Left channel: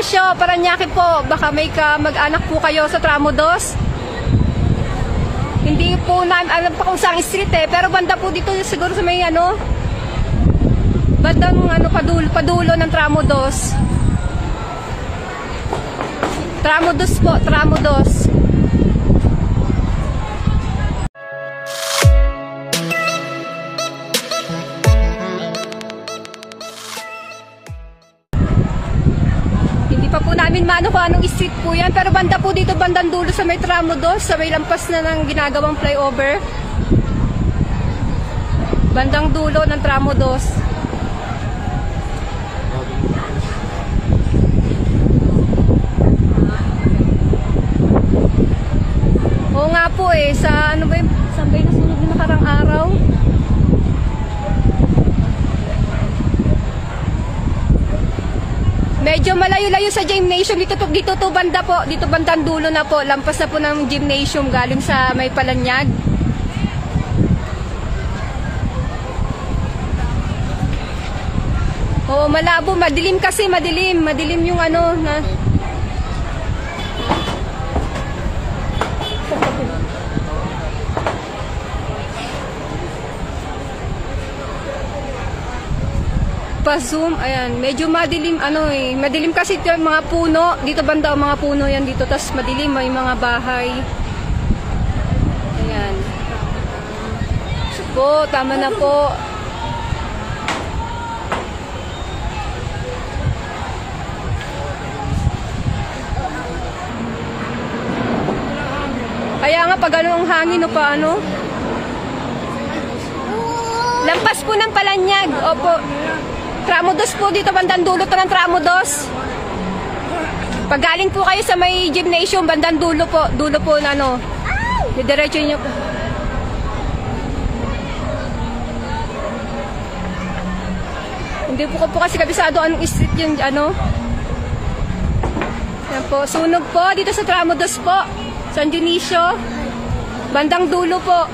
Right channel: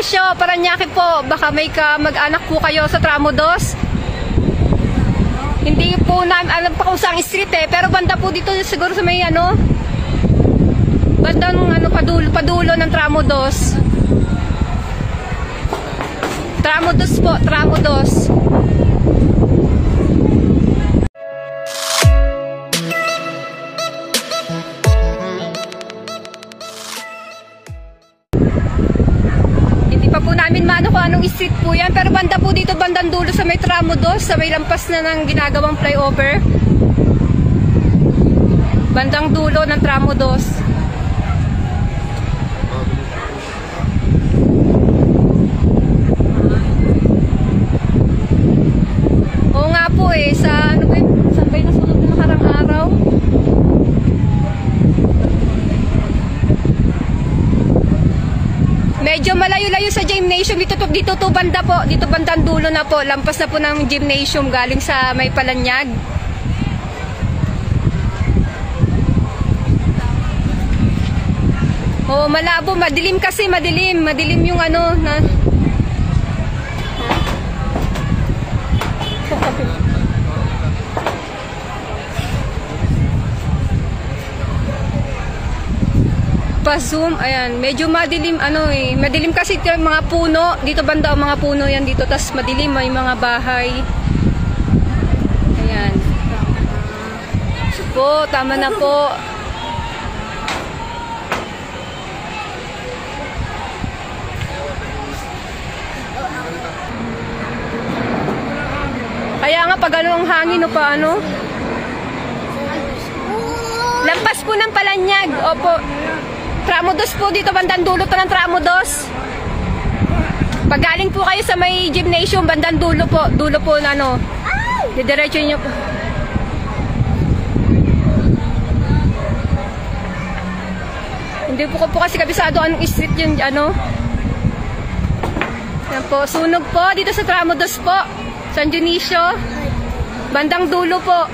Dionisio, Parañaque po. Baka may mag-anak po kayo sa Tramo 2. Hindi po alam pa kung saan street eh. Pero banda po dito siguro sa may ano. Bandang ano, padulo ng Tramo 2. Tramo 2 po, Tramo 2. Namin mano kung anong street po yan, pero banda po dito, bandang dulo sa may Tramo 2, sa may lampas na ng ginagawang flyover. Bandang dulo ng Tramo 2. Oo nga po eh, sa ano ba yun? Saan ba yun nasunod na nakarang araw? Medyo malayo-layo sa gymnasium. Dito to banda po. Dito bandang dulo na po. Lampas na po ng gymnasium galing sa may Palanyag. Oh, malabo. Madilim kasi. Madilim. Madilim yung ano na... Pa-zoom, ayan, medyo madilim ano eh. Madilim kasi yung mga puno. Dito banda ang mga puno yan dito. Tas madilim, may mga bahay. Ayan. Po, tama na po. Kaya nga pag ano ang hangin o paano? Lampas po ng Palanyag. Opo. Tramo 2 po dito, bandang dulo to ng Tramo 2. Pag galing po kayo sa may gymnasium, bandang dulo po na ano, didiretso nyo po. Hindi po kasi kabisado anong street yun, ano. Yan po, sunog po dito sa Tramo 2 po, San Dionisio, bandang dulo po.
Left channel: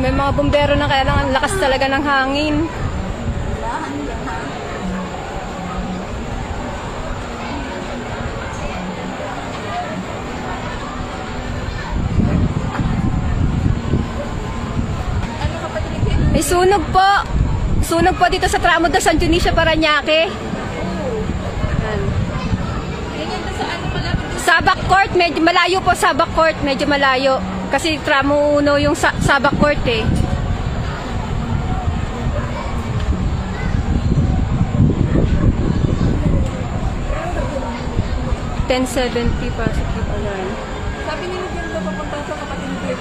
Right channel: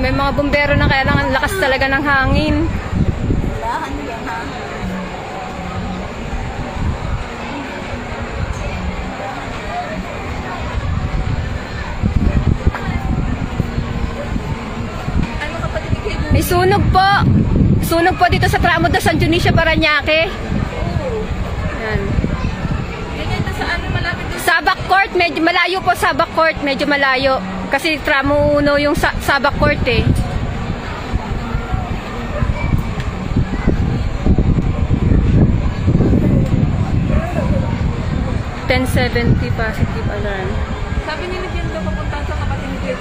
May mga bumbero na kaya lang ang lakas talaga ng hangin. May sunog po. Sunog po dito sa Tramo 2, San Dionisio, Parañaque. Yan. Sabak Court, medyo malayo po. Sabak Court, medyo malayo. Kasi Tramo 1 yung Sabak Court eh. $10.70 positive alarm. Sabi nila din daw pupunta sa Kapatid.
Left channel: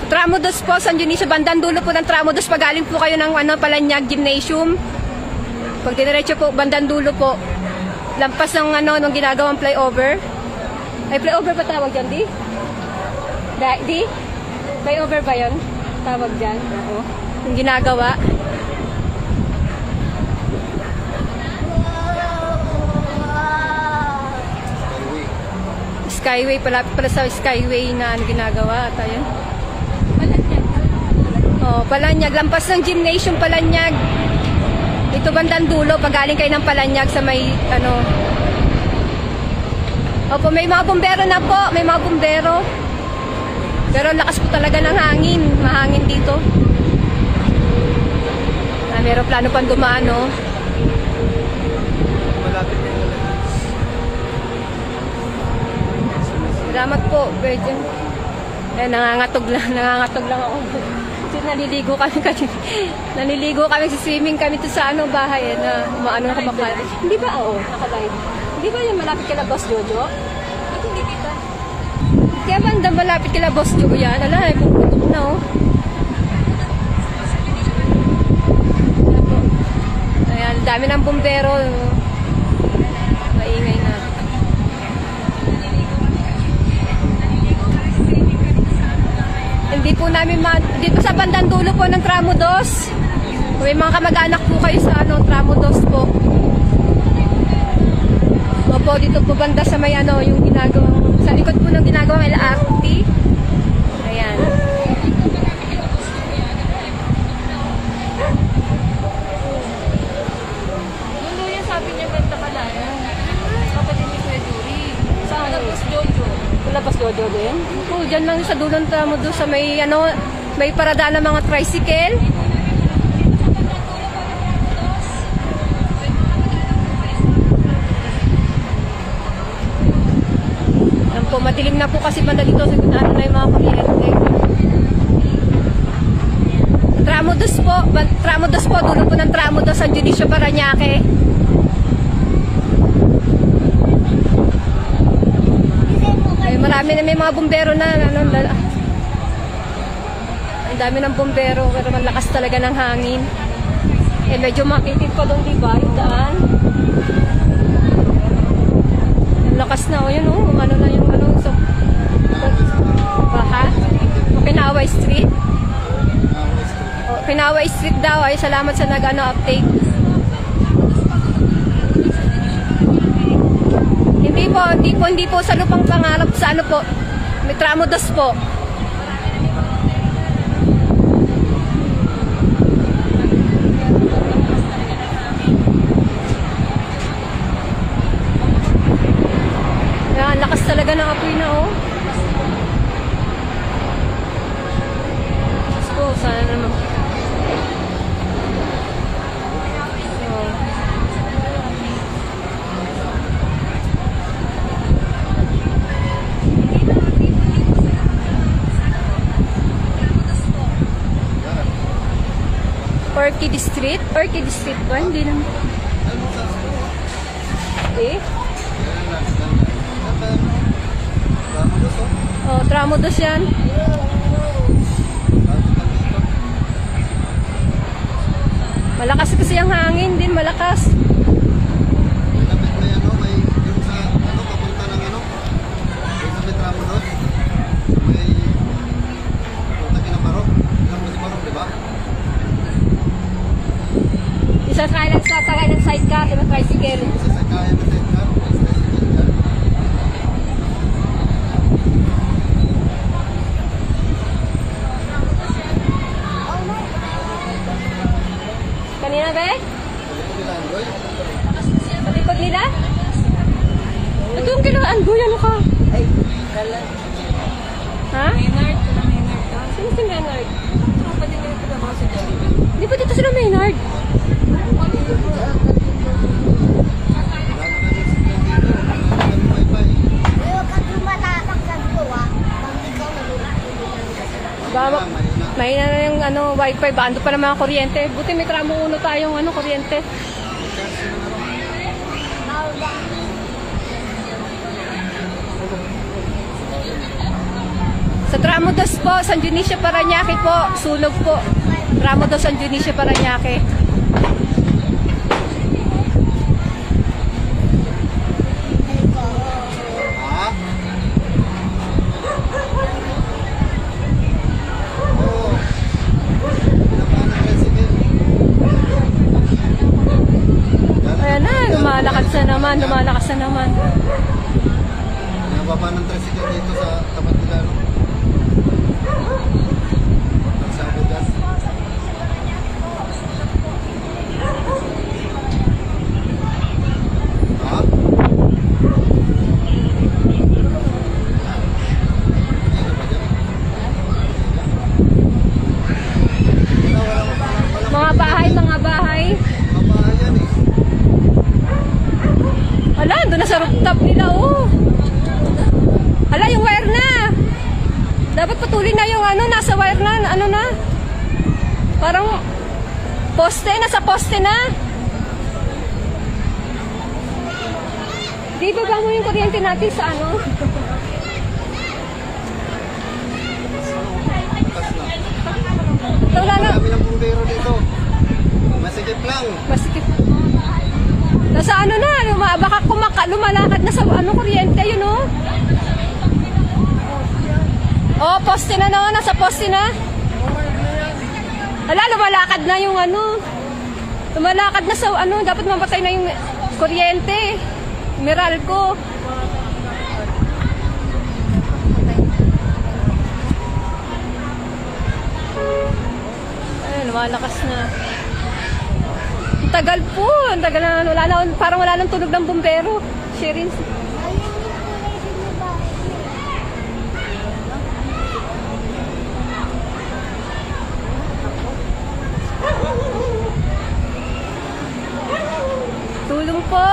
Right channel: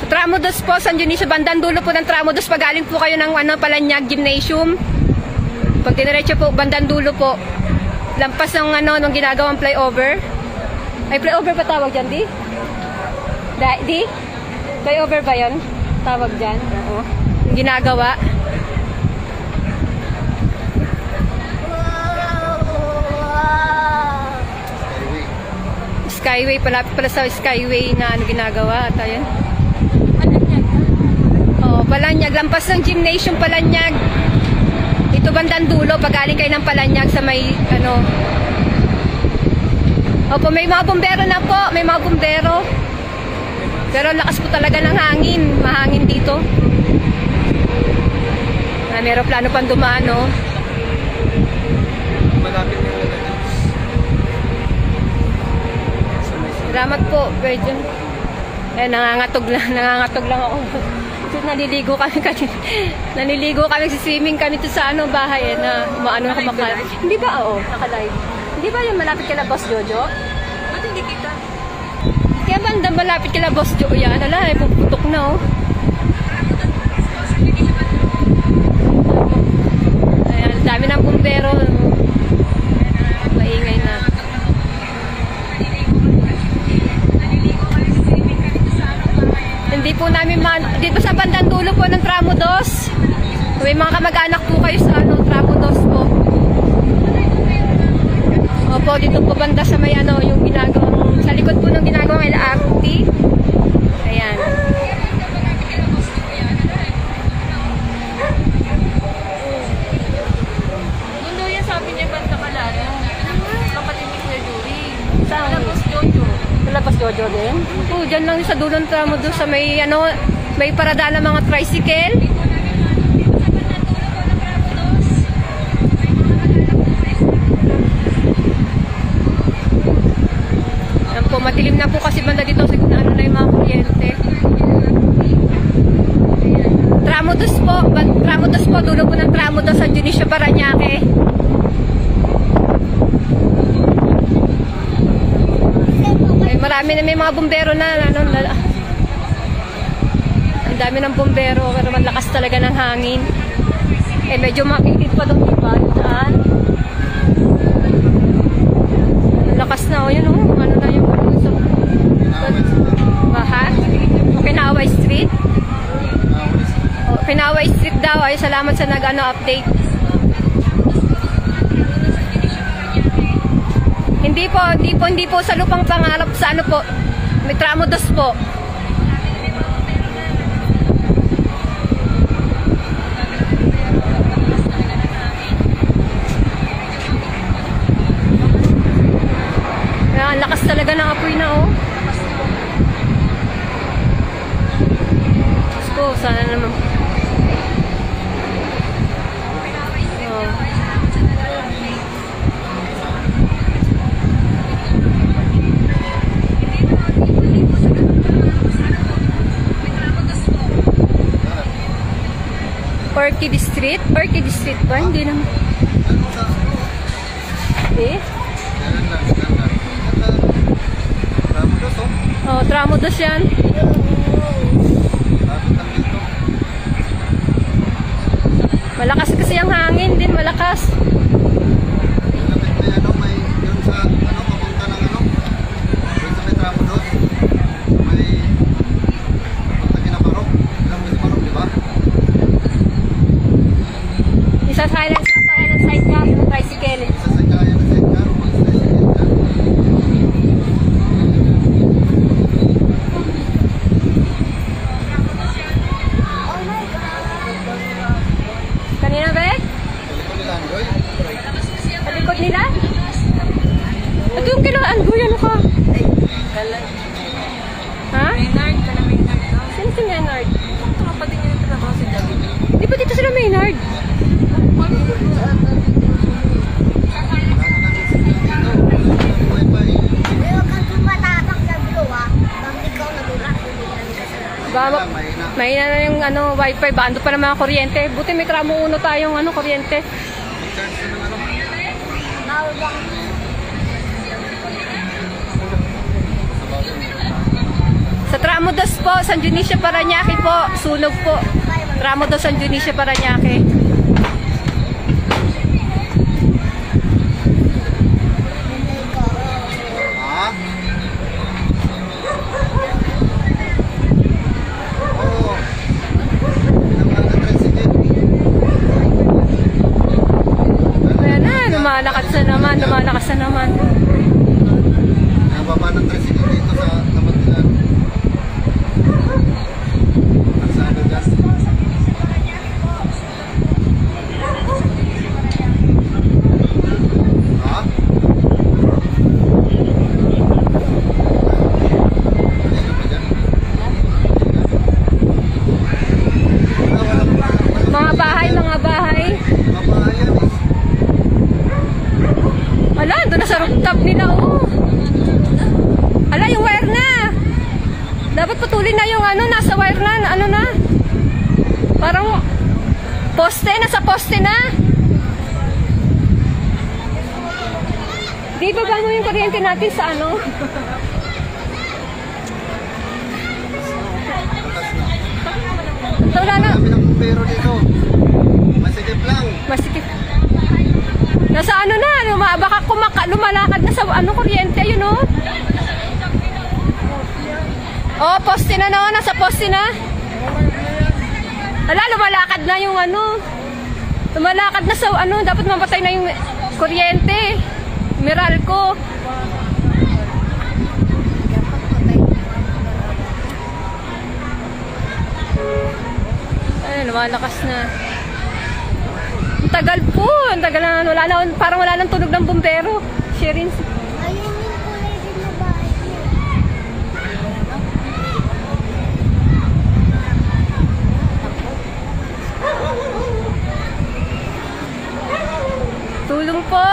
So, Tramo 2 po, San Dionisio, bandang dulo po ng Tramo 2. Pagaling po kayo ng ano, Palanyag Gymnasium. Pag dinerecho po, bandang dulo po. Lampas ng ano, nung ginagawang flyover. Ay, flyover pa tawag dyan, di? Di? Flyover ba yun? Tawag dyan. Oo. Yung ginagawa. Skyway, palapit pala sa Skyway na ano ginagawa. At ayun. Oh, Palanyag. Lampas ng gymnasium, Palanyag. Ito bandang dulo. Pagaling kayo ng Palanyag sa may ano. Opo, may mga bumbero na po. May mga bumbero. Pero lakas po talaga ng hangin. Mahangin dito. May aeroplano pang dumaan, no? Salamat po, Virgin. Eh, nangangatog lang ako. Kasi naliligo kami sa swimming kami to sa ano, bahay, na maano ako makalive. Hindi ba, oo, makalive. Hindi ba yung malapit ka na Boss Jojo? Hindi kita. Kaya banda malapit kila Boss Joe yan. Ala, puputok na oh. Ayan, dami ng bumbero. Maingay na. Hindi po namin dito sa bandang dulo po ng Tramo 2. May mga kamag-anak po kayo sa ano, Tramo 2 po. Opo, dito po banda sa may ano, yung ginagawang, sa likod po ng ginagawang LRT. Ayan. Mundo yan sabi niya ganda pala. Kapatid ni Kuya Duri. Saan? Tapos Jojo. Labas Jojo din? Oo, dyan lang sa dulong Tramo 2 sa may ano, may paradaan ng mga tricycle. Yan po, madilim na po kasi banda dito sa gitna na yung mga kuryente. Tramo 2 po, Tramo 2 po, dulo po ng Tramo 2 San Dionisio, Parañaque. Ay, marami na may mga bumbero na, ang dami ng bumbero, pero malakas talaga ng hangin. Eh, medyo makikip pa doon, diba? Daan. Lakas na, o yun, o. Ano na yung so, baha? Kinaway Street? O, Kinaway Street daw. Ay, salamat sa nag-update. Hindi po sa Lupang Pangarap sa ano po. May Tramo 2 po. Ang lakas talaga ng apoy na, oh. Diyos ko, sana naman. Oh. Orchid Street? Orchid Street ba? Hindi naman. Eh? Oh, Tramo 2 yan. Malakas kasi ang hangin din, malakas. Isa silence ka, tagay ng side ka, sa tricycle. Kanina ba eh? Malikod nila? Ito yung kinaanggoy, ano ko? Ha? Sino si Maynard? Hindi po dito sila Maynard. Mahina na yung ano, wifi, bando pa ng mga kuryente. Buti may Tramo 1 tayong ano, kuryente. Sa Tramo 2 po, San Dionisio, Parañaque po, sunog po. Tramo 2, San Dionisio, Parañaque. Lumalakas na naman. Ang baba ng tricycle dito sa tapat nila. Sa lugas. Ha? Mga bahay. Ala, doon na sa rooftop nila, oh. Ala, yung wire na. Dapat patuloy na yung ano, nasa wire na, ano na. Parang poste, nasa poste na. Di ba mo yung kuryente natin sa ano? Wala na. Pero dito, masikip lang. Masikip. Nasa ano na, baka lumalakad na sa ano, kuryente, yun, oh. Oh, poste na naman. Nasa poste na. Ala, lumalakad na yung ano. Lumalakad na sa ano. Dapat mamatay na yung kuryente. Meralco. Ayan, lumalakas na. Ang tagal po. Ang tagal na. Wala na, parang wala nang tunog ng bumbero. Sharing. Tulong po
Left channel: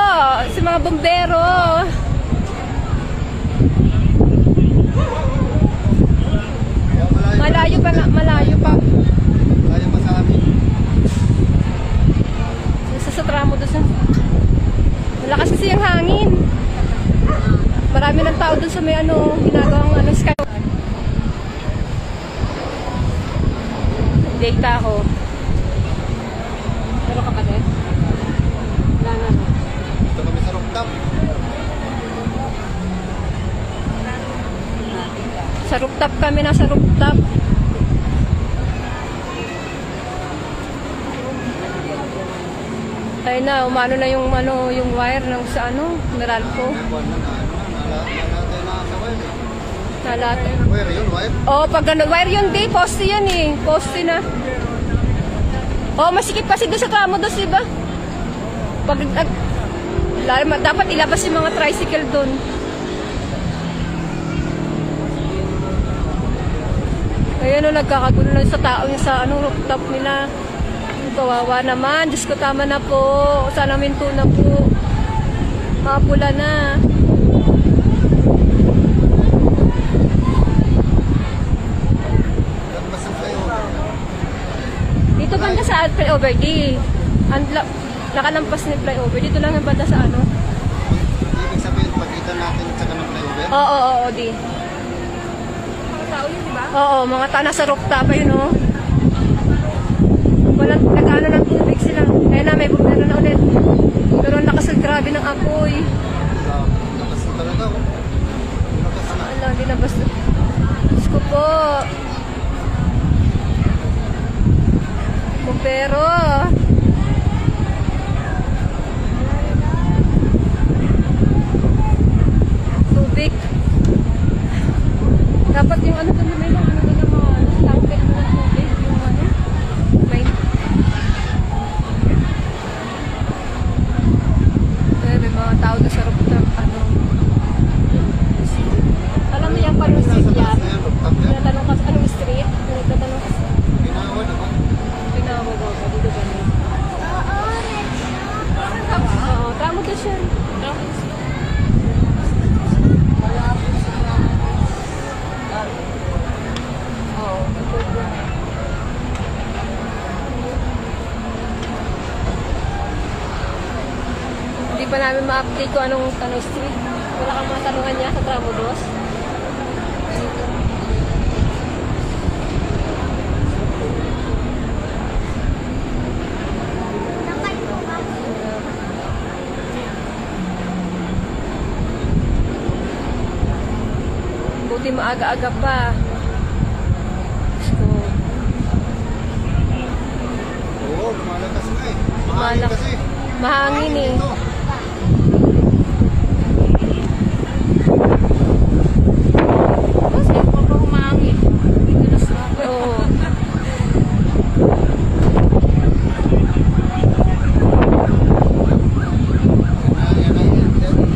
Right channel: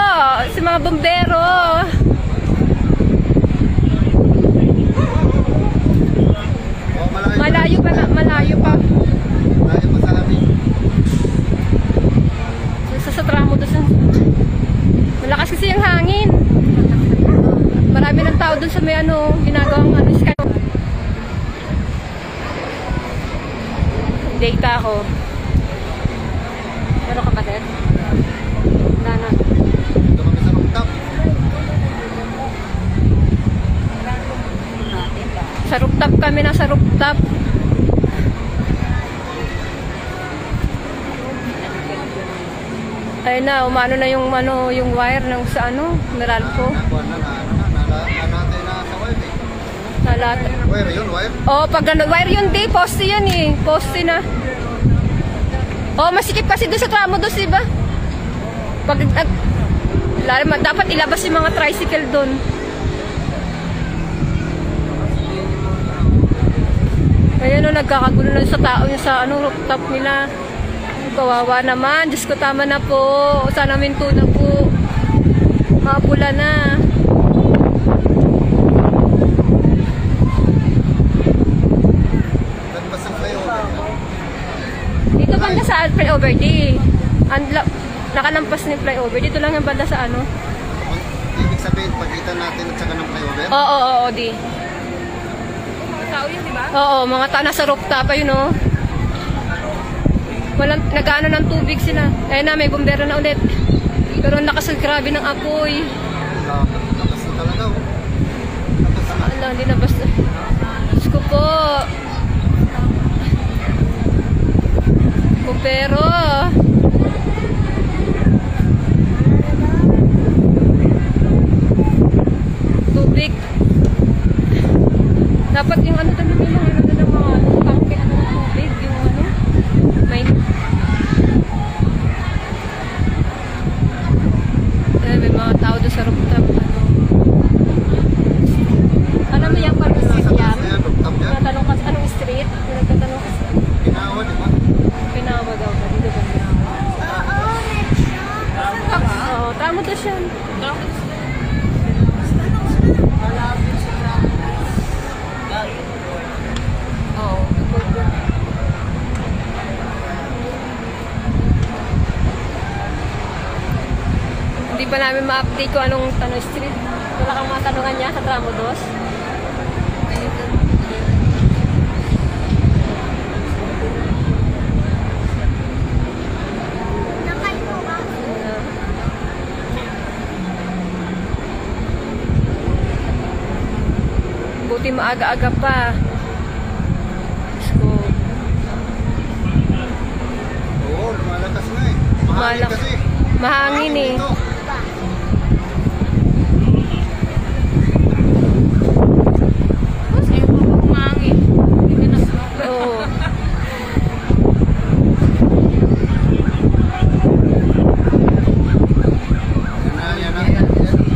sa mga bombero. Malayo pa na, malayo pa. Malayo pa sa amin. Sa tramo doon sa... Malakas kasi yung hangin. Marami ng tao doon sa may ano, ginagawang ano, sky. Data ako. Pero kapatid? Wala na. Dito kami sa rooftop. Sa rooftop kami na sa rooftop. Ayun na, umano na yung ano, yung wire ng sa ano, Meralco. Buwan na nalatay na sa wire. Nalatay. Wire yun, wire. Oh, pag ano, wire yun di, poste yan eh. Poste na. Oh, masikip kasi doon sa tramo doon, diba? Pag, dapat ilabas yung mga tricycle doon. Ayan o, nagkakagulo na sa tao niya sa ano, rooftop nila. Kawawa naman. Diyos ko, tama na po. Sana minto na po. Mapula na. Dito banda sa flyover di. Nakalampas ni flyover. Dito lang yung banda sa ano. Ibig sabihin, pakita natin at saka ng flyover. Oo, di. Tao yun, di ba? Oo, mga tao nasa rooftop pa yun, oh. Walang nag-ano ng tubig sila. Kaya na, may bumbero na ulit. Pero ang lakas, grabe ng apoy. Wala, hindi na basta. Diyos ko po. Bumbero. Tubig. Dapat yung ano talaga lang. Ano ng mga tangke ng tubig. Yung ano. May mga tao doon sa rooftop. Alam mo yung pag-street niya? Tinatanong ka sa anong street? Nagtatanong ka sa... Ginawa, di ba? Pinawa daw ka. Dito ba niya? Oo, tamo ka siya. Hindi pa namin ma-update kung anong tanong street. Wala kang mga tanungan niya sa tramo dos. Buti maaga-aga pa. So, Oo, malakas na eh. Mahangin kasi. mahangin eh. Ito. Kasi yung umangin. Hindi na sa... Oo.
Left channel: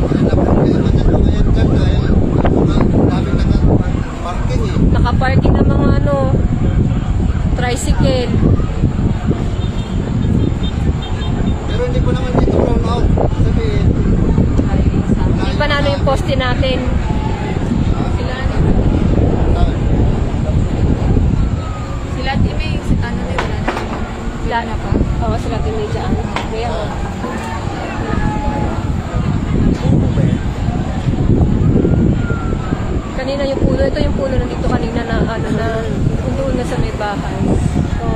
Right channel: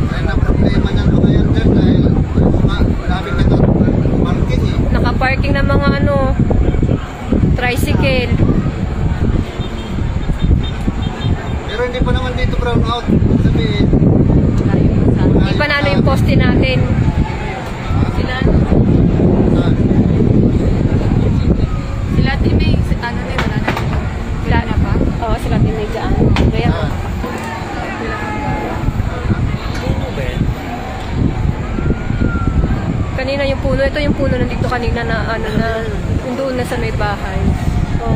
Yan na problema niyan ba ngayon dyan eh. Marami na ito. Parking eh. Nakaparking ng mga ano, tricycle. Pero hindi pa naman dito brown out. Sabihin. Hindi pa namin yung poste natin. Sila TV, si Tana na wala. Wala na pa? Oo, sila pinidyan. Kaya ko. Kanina yung puno. Ito yung puno nandito kanina na ano na. Yung doon na sa may bahay. So,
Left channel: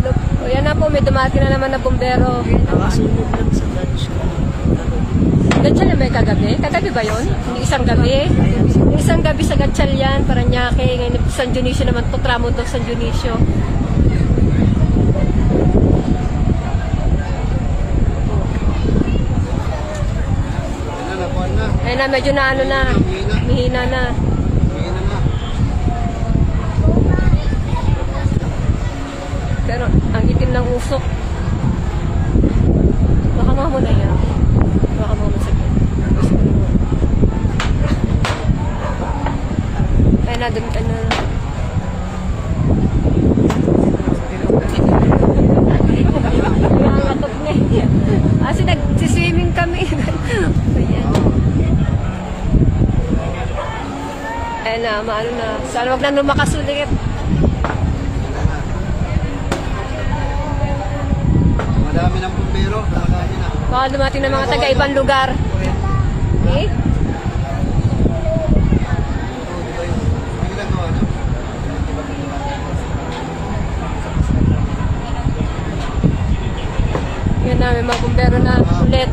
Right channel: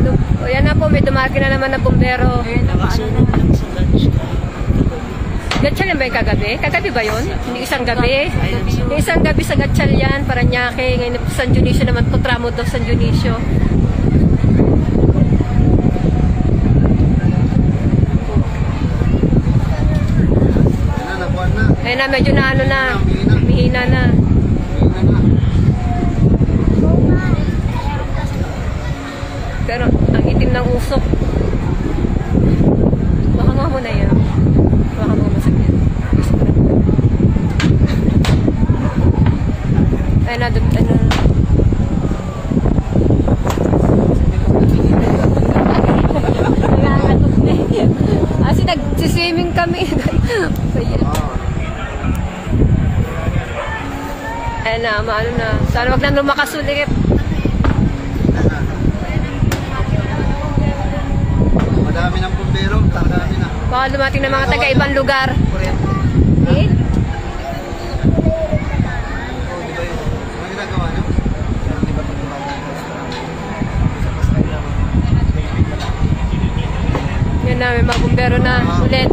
look. O yan na po, may dumaki na naman na bumbero. Nakasunog lang sa lunch ka. Gatchal na ba yung kagabi? Kagabi ba yun? Yung isang gabi? Yung isang gabi sa Gatchal yan, Paranaque. Ngayon San Dionisio naman po, tramo daw San Dionisio. Ayun na, medyo na ano na, mihina na. Pero ang itim ng usok. Baka mo na yan. Baka mo masakyan. Ayun na, doon ano. Nangangatot na yan. Kasi nagsiswimming kami. Ayun na, maano na. Sana wag na lumakas ulit. Madami ng pumbero, madami na. Baka dumating ng mga taga-ibang lugar. Eh? Ano ginagawa niyo? Yan na, may mga bumbero na ulit.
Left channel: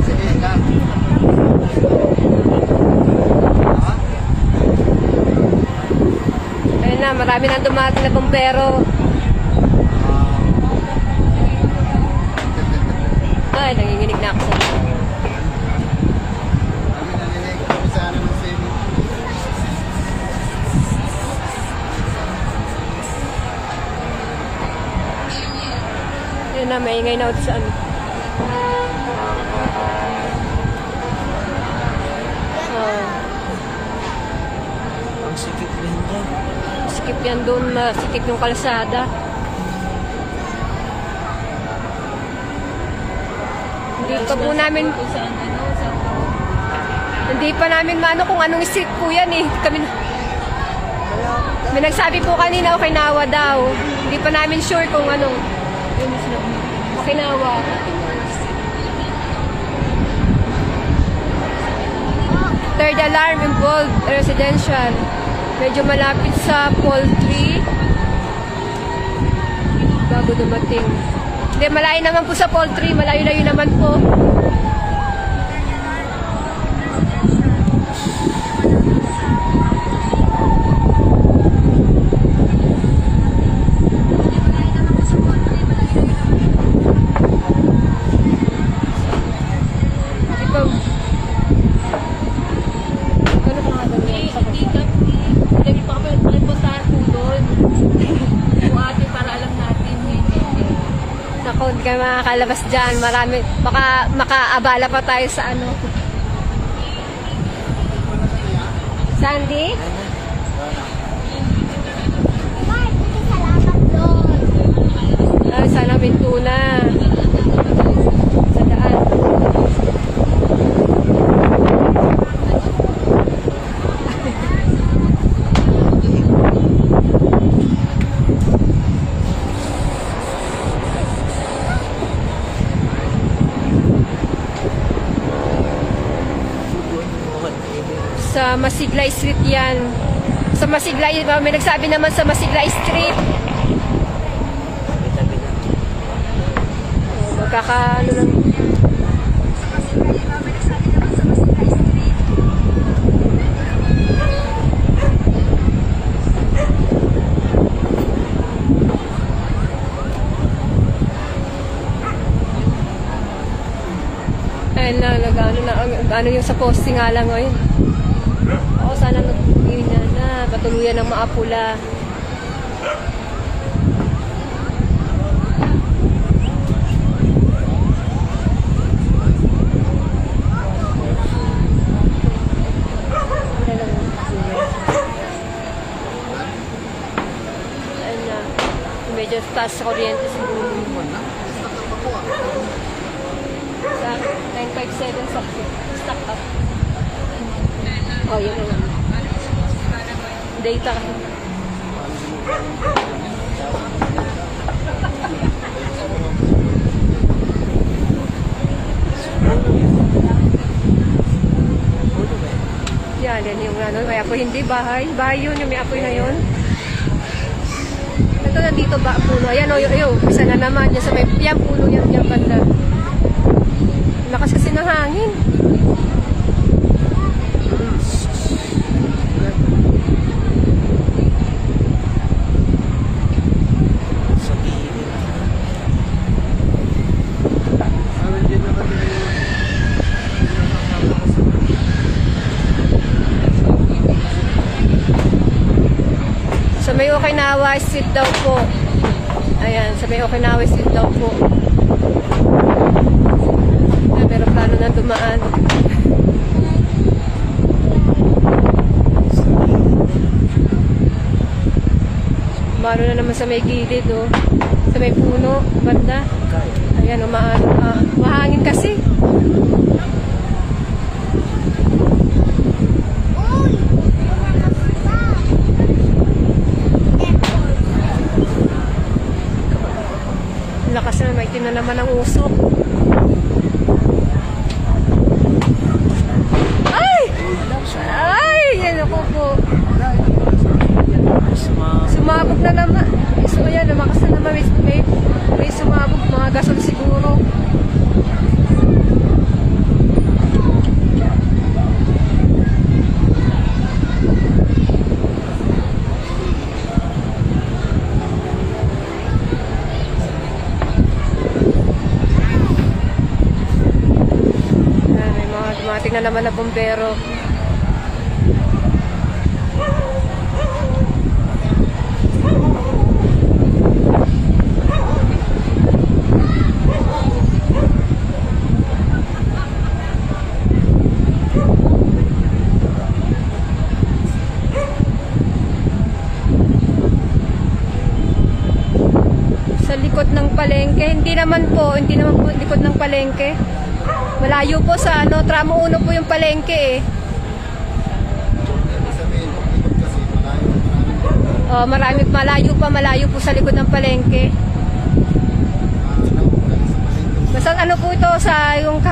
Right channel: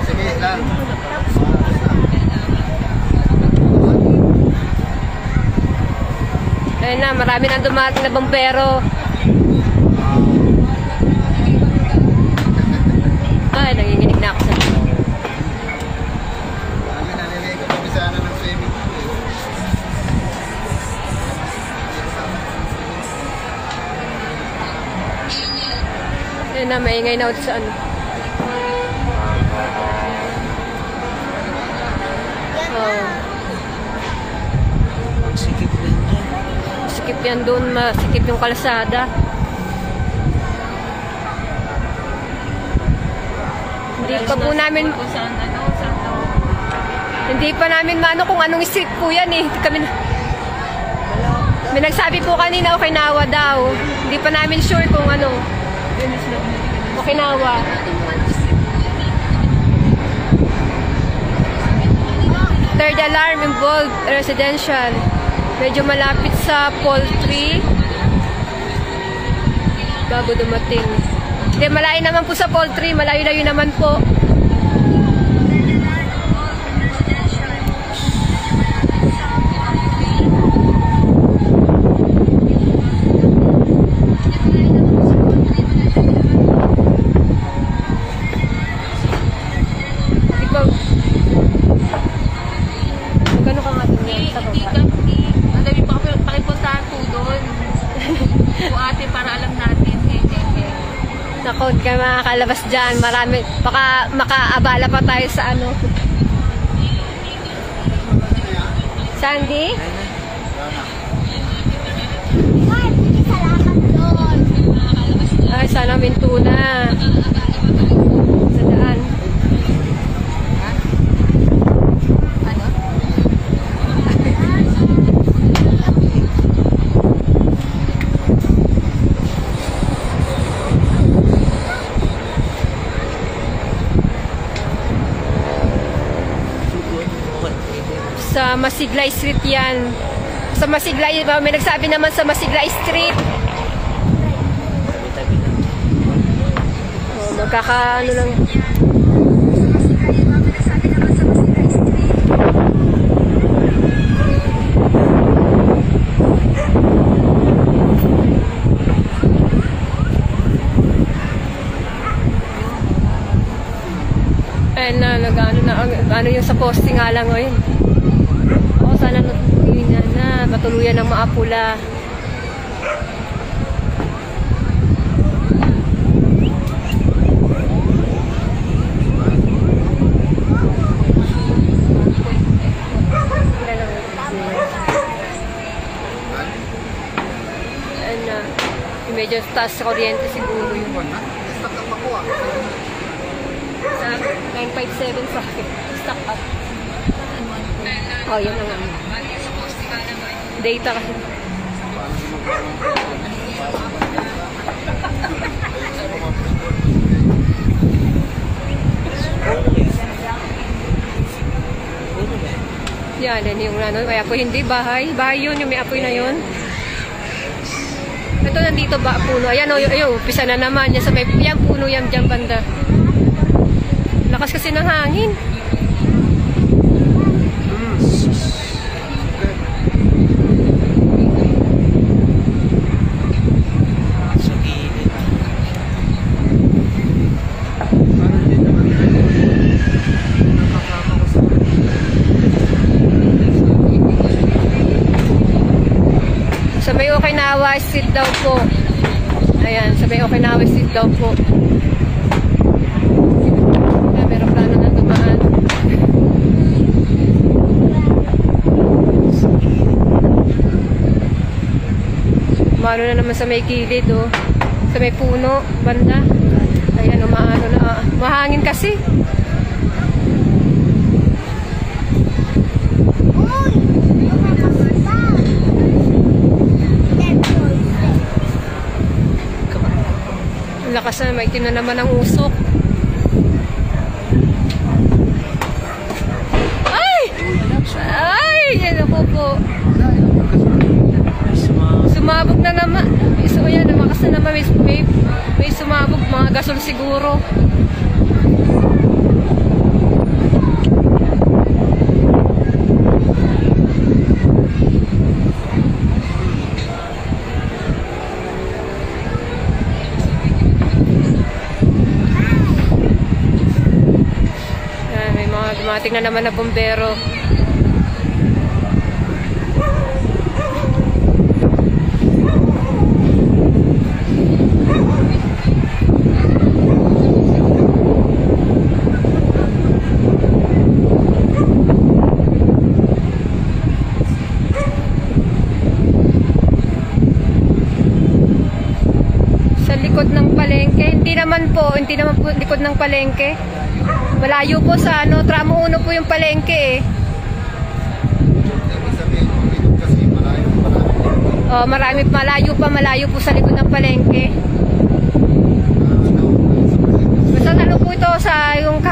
Sabihin lang. Ayun na, marami nang dumating na bumbero. Ay, nanginginig na ako sa inyo. Kami naliligo kami sa ano ng swimming. Ayun na, maingay na ulit sa ano. Oh. Ang sikip rin dyan. Sikip yan doon, masikip yung kalsada. Hindi pa po namin, hindi pa namin maano kung anong street po yan eh. Kami, may nagsabi po kanina Okinawa daw. Hindi pa namin sure kung anong Okinawa. Third alarm involved residential. Medyo malapit sa poultry. Bago dumating. Hindi, malayo naman po sa poultry. Malayo-layo naman po. Ito. Gano'n ka nga doon yan sa baba. Madali po kami pakipuntahan po doon. Ate, para alam natin. Naku, ka makakalabas dyan. Marami, baka makaabala pa tayo sa ano. Sandy? Ay, sana Mintuna. Sa daan. Sa Masidlay Street yan. Sa Masidlay, may nagsabi naman sa Masidlay Street. Tabi-tabi na. Oh, magkakaano lang. Ayun na, nag-ano na, ano yung sa posting nga lang ngayon. Oh, sana matuluyan na, matuluyan ng maapula. Ayun na, medyo taas sa kuryente siguro yung sa 957 sa stock up. Oh, yun na lang. Data kasi. Yan, yan yung ano. May apoy, hindi bahay. Bahay yun, yung may apoy na yun. Ito nandito ba puno? Ayan, umpisa na naman. Yan, sa may, yan puno yan dyan banda. Lakas kasi ng hangin. Sa gilid. Sa may Okinawa Street daw po. Ayan, sa may Okinawa Street daw po. Pero plano na dumaan. Mano na naman sa may gilid, oh. Sa may puno, banda. Ayan, umaano na. Mahangin kasi. Lakas na, may tina naman ang usok. Ay! Ay! Yan ako po. Sumabog na naman. So ayan, lumakas na naman. May sumabog. Mga gasol siguro. Dumating na naman na bumbero. Sa likod ng palengke, hindi naman po likod ng palengke. Malayo po sa tramo 1 po yung palengke eh. Oh, malayo po sa likod ng palengke. Basta po ito sa yung